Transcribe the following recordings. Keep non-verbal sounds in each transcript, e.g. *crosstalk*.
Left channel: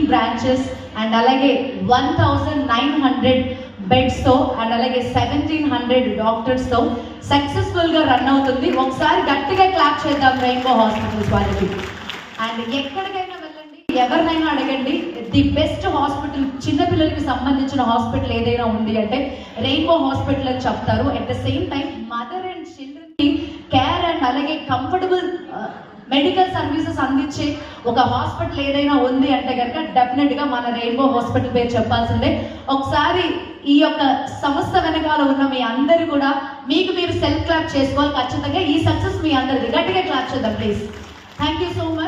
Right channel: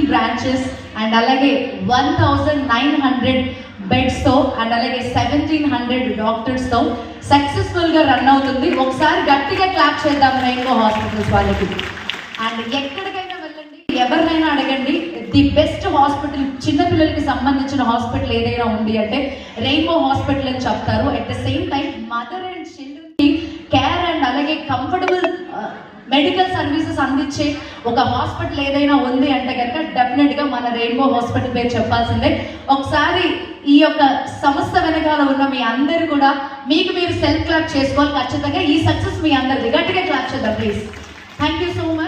Fifteen branches and అలాగే one thousand nine hundred బెడ్స్తో and అలాగే సెవెంటీన్ హండ్రెడ్ డాక్టర్స్తో సక్సెస్ఫుల్గా రన్ అవుతుంది ఒకసారి గట్టిగా క్లాప్ చేద్దాం రెయిన్బో హాస్పిటల్స్ వాళ్ళకి అండ్ ఎక్కడికైనా వెళ్ళండి ఎవరినైనా అడగండి ది బెస్ట్ హాస్పిటల్ చిన్నపిల్లలకి సంబంధించిన హాస్పిటల్ ఏదైనా ఉంది అంటే రెయిన్బో హాస్పిటల్ అని చెప్తారు at the same time mother and children medical services అందించే ఒక హాస్పిటల్ ఏదైనా ఉంది అంటే కనుక డెఫినెట్గా మన రెయిన్బో హాస్పిటల్ పేరు చెప్పాల్సిందే ఒకసారి ఈ యొక్క సంస్థ వెనకాల ఉన్న మీ అందరు కూడా మీకు మీరు సెల్ఫ్ క్లాప్ చేసుకోవాలి ఖచ్చితంగా ఈ సక్సెస్ మీ అందరిది గట్టిగా క్లాప్ చేద్దాం please thank you so much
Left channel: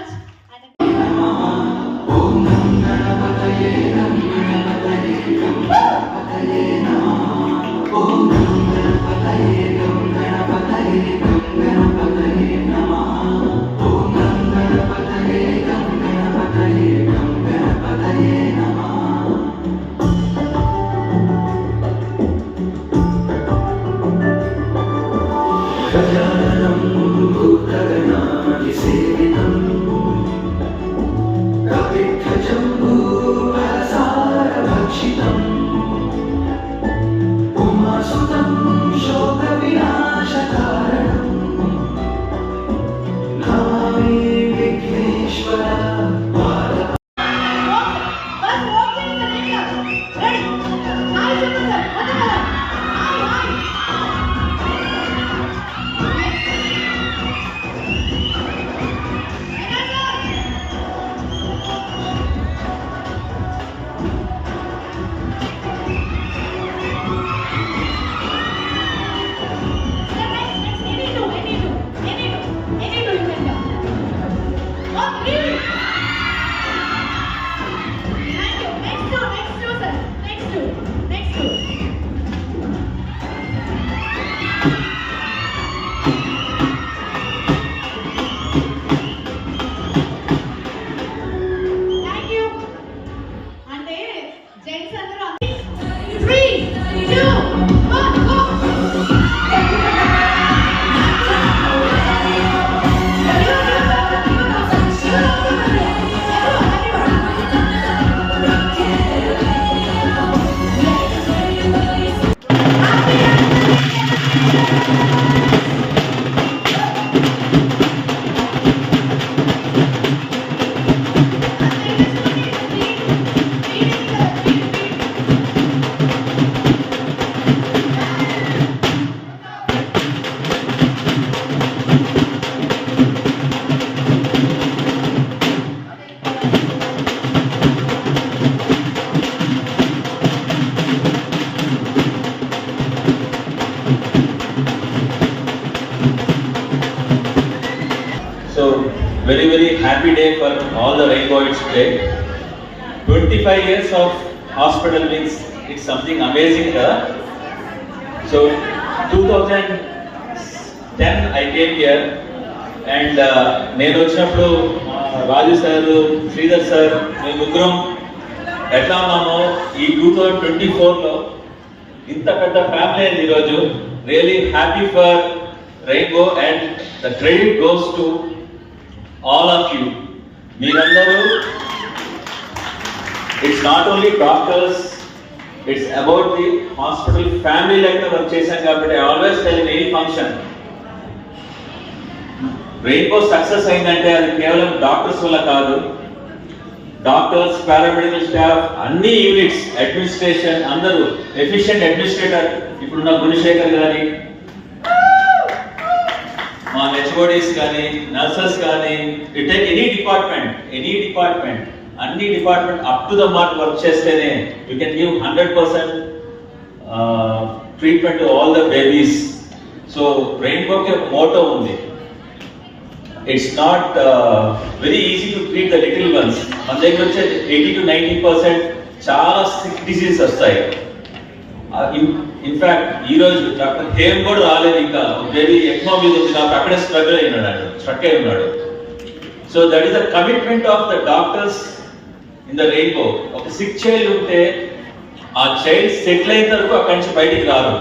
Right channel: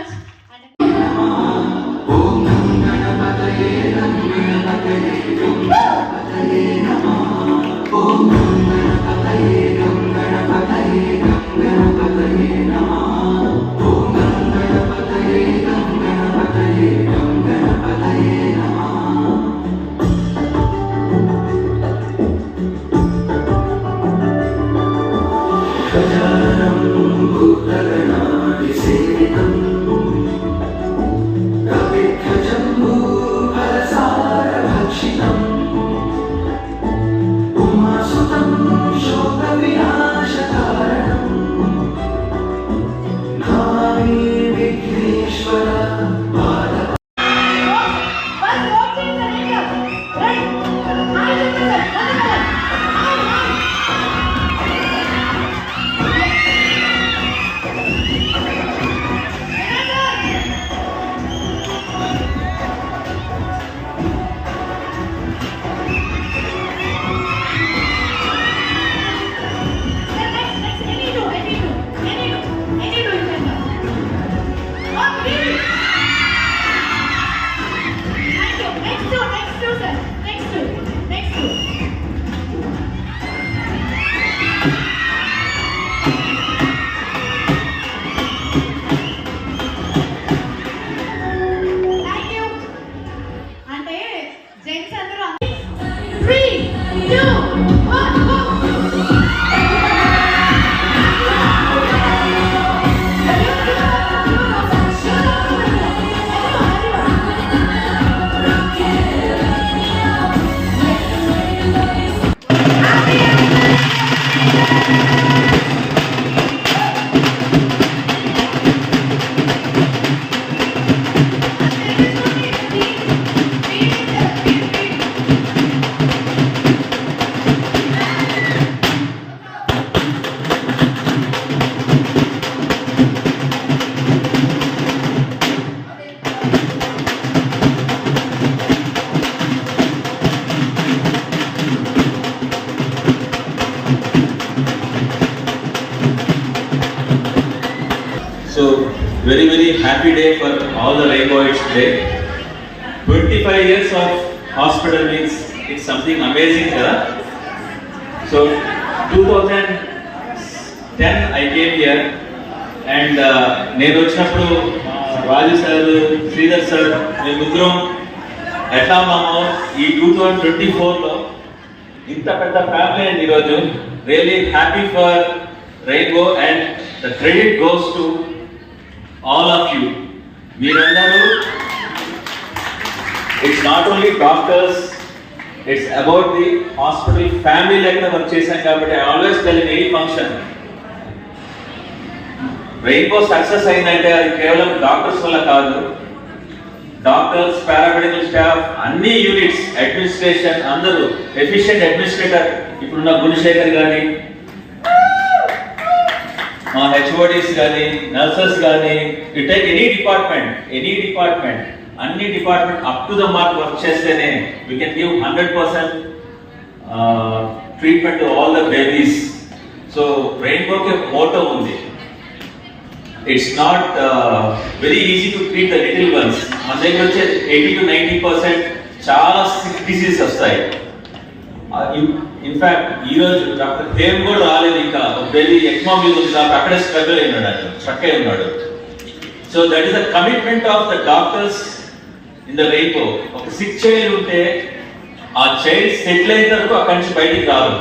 Oh, very very happy day for all the rainbowids today. 25 years of hospital means it's something amazing, huh? So 2010 I came here and నేను వచ్చినప్పుడు రాజు sir Sridhar sir మేము ముగ్గురం ఎట్లా ఉన్నామో ఈ two thousand twenty ఫోర్లో ఇంత పెద్ద ఫ్యామిలీ అయింది ఈరోజు really happy for Rainbow and the credit goes to all of you మీరందరూ it's not only doctors it's about the hospital family లెక్క వర్క్ చేశాం కాబట్టి always tell any function Rainbow success అయిందంటే అది కేవలం డాక్టర్స్ వల్ల కాదు డాక్టర్స్ పారామెడికల్ స్టాఫ్ అన్ని యూనిట్స్ అడ్మినిస్ట్రేషన్ అందరూ ఎఫిషియంట్ అడ్మినిస్ట్రేటర్ ఇప్పుడున్న గుణశేఖర్ కానీ మా హెచ్ఓడిస్ కానీ నర్సెస్ కానీ retire any department any department అన్ని department up to the mark work చేస్తేనే we can give hundred percent treatment to all the babies so రెయిన్బోకి ఒక మోటో ఉంది it's not very easy to treat the little ones మన దగ్గర వచ్చే eighty to ninety percent చాలా sick disease వస్తాయి in fact ఈ రోజు డాక్టర్ హేమ్ కూడా రాలేదు ఇంకా బేబీ ఎక్మో మీద ఉంది నాకు అక్కడే స్ట్రగుల్ అయినాడు ఆయన స్ట్రక్ అయి ఉన్నాడు so that is the commitment of the doctors in the Rainbow ఒక సిక్స్ చైల్డ్ ఉంటే ఆ చైల్డ్ సెటిల్ అయిన వరకు అక్కడి నుంచి బయటికి రాదు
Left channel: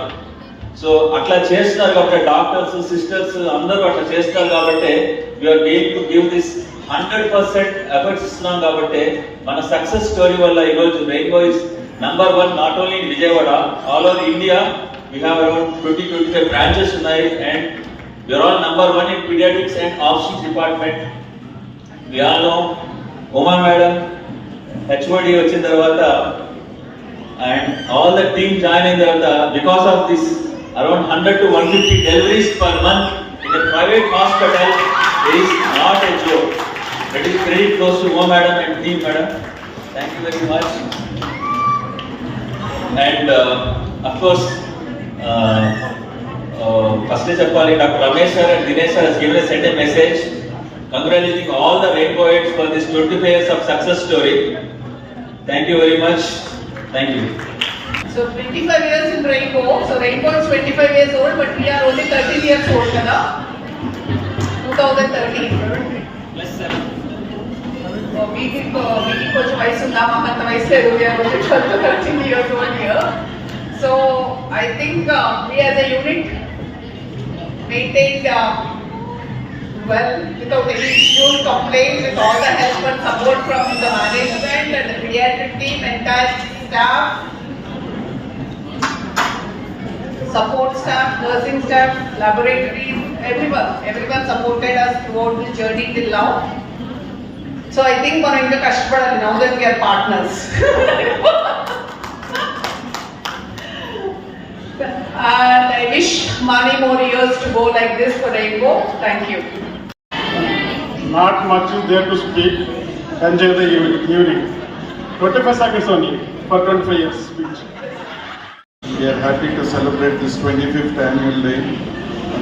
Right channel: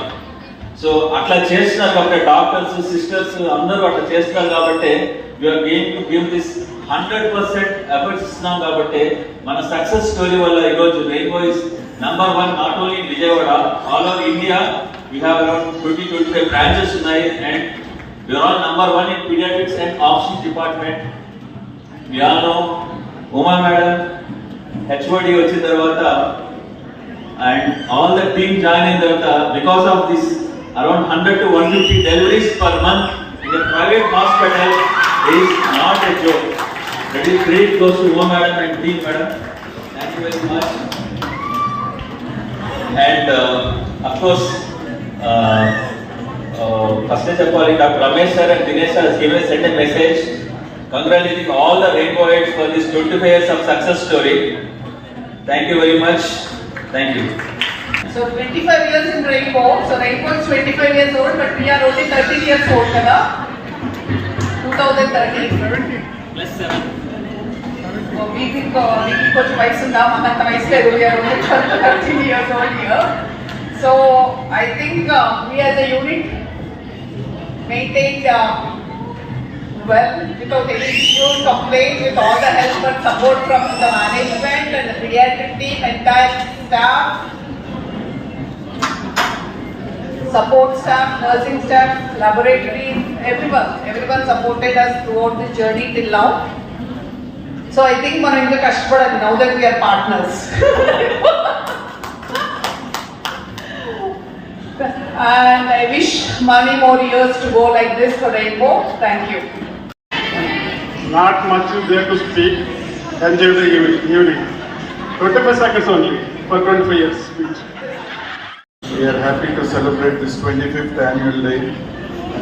సో అట్లా చేస్తున్నారు కాబట్టి డాక్టర్స్ సిస్టర్స్ అందరూ అట్లా చేస్తున్నారు కాబట్టి you are game to give this hundred percent efforts ఇస్తున్నాం కాబట్టి మన సక్సెస్ స్టోరీ వల్ల ఈరోజు Rainbow is number one not only in Vijayawada, all over India we have around 20 to 25 branches tonight and we are all number one in pediatrics and offshoot department. We all know Oma madam, HOD వచ్చిన తర్వాత and all the team join అయిన తర్వాత because of this around 100 to 150 deliveries per month in a private hospital is not a joke. It is credit goes to Oma madam and team madam. Thank you very much. And uh, of course, firstly, sir, calling Dr. Ramesh sir and Dinesh sir has given us sent a message congratulating all the Rainbowites for this 25 years of success story. Thank you very much. Thank you. So 25 years in Rainbow. So Rainbow is 25 years old, but we are only 13 years old, 2013. Yes, sir big, big coach ವಯಸ್ಸು ನಮ್ಮಂತ ವಯಸ್ಸು thirteen years old year so I think we we a unit uh, *laughs* uh, maintained uh, well without any issues, complaints, with all the help and support from the management and the pediatric team, entire staff, support staff, nursing staff, laboratories, everyone. Everyone supported us throughout this journey till now. So I think one of the Kashpada now that we are partners. and I wish many more years to go like this for Rainbow. Thank you. Not much is there to speak. Enjoy the evening. Protocol seconds only for 25 years. We are happy to celebrate this 25th annual day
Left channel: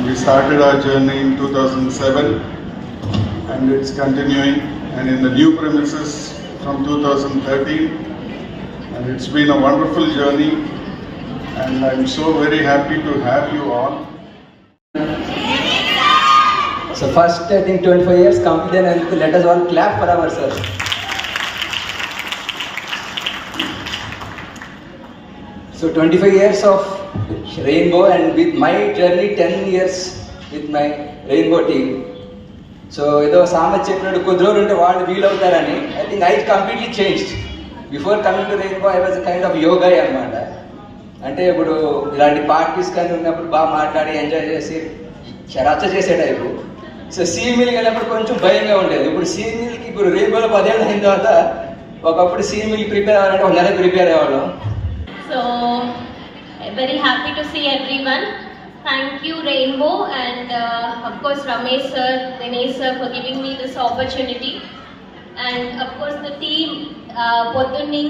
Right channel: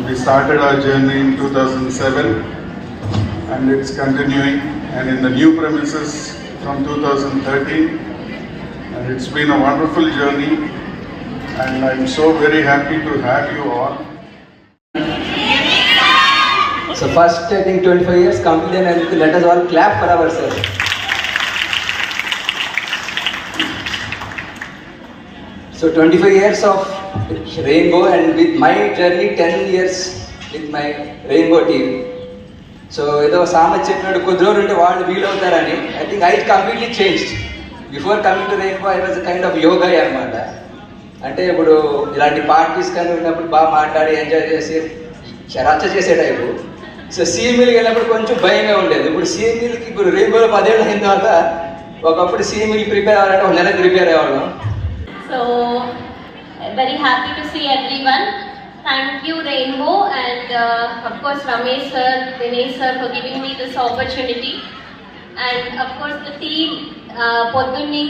we started our journey in 2007 and it's continuing and in the new premises from 2013 and it's been a wonderful journey and I'm so very happy to have you all. So first I think 25 years completed and let us all clap for ourselves. So 25 years of rainbow and with my journey 10 years with my rainbow team. So ఏదో సామెత చెప్పినట్టు కొద్ది రోజులు ఉంటే వాళ్ళు వీలవుతారని I think I completely change before coming to Rainbow was kind of yoga అనమాట అంటే ఇప్పుడు ఇలాంటి పార్టీస్ కానీ ఉన్నప్పుడు బాగా మాట్లాడి ఎంజాయ్ చేసి రచ్చ చేసే టైపు సో సీఎంఈలకి వెళ్ళినప్పుడు కొంచెం భయంగా ఉండేది ఇప్పుడు సీఎంఈలకి ఇప్పుడు రేపు వేల పదేళ్ళు అయిన తర్వాత ఒకప్పుడు సీఎంఈలు ప్రిపేర్ అవ్వాలంటే ఒక నెల prepare అయ్యేవాళ్ళం so very happy to see every one thank you Rainbow and uh, Ramesh sir Ramesh sir Dinesh sir for giving me this opportunity. And of పొద్దున్నీ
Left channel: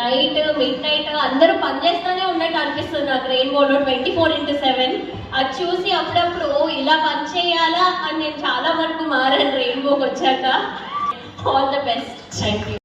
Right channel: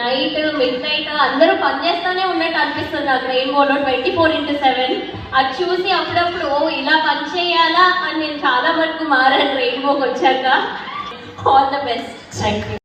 నైట్ మిడ్ నైట్ అందరూ పనిచేస్తూనే ఉన్నట్టు అనిపిస్తుంది నాకు రెయిన్బోలో ట్వంటీ ఫోర్ ఇంటూ సెవెన్ అది చూసి అప్పుడప్పుడు ఇలా పని చేయాలా అని నేను చాలా వరకు మారాను రెయిన్బోకి వచ్చాక all the best thank you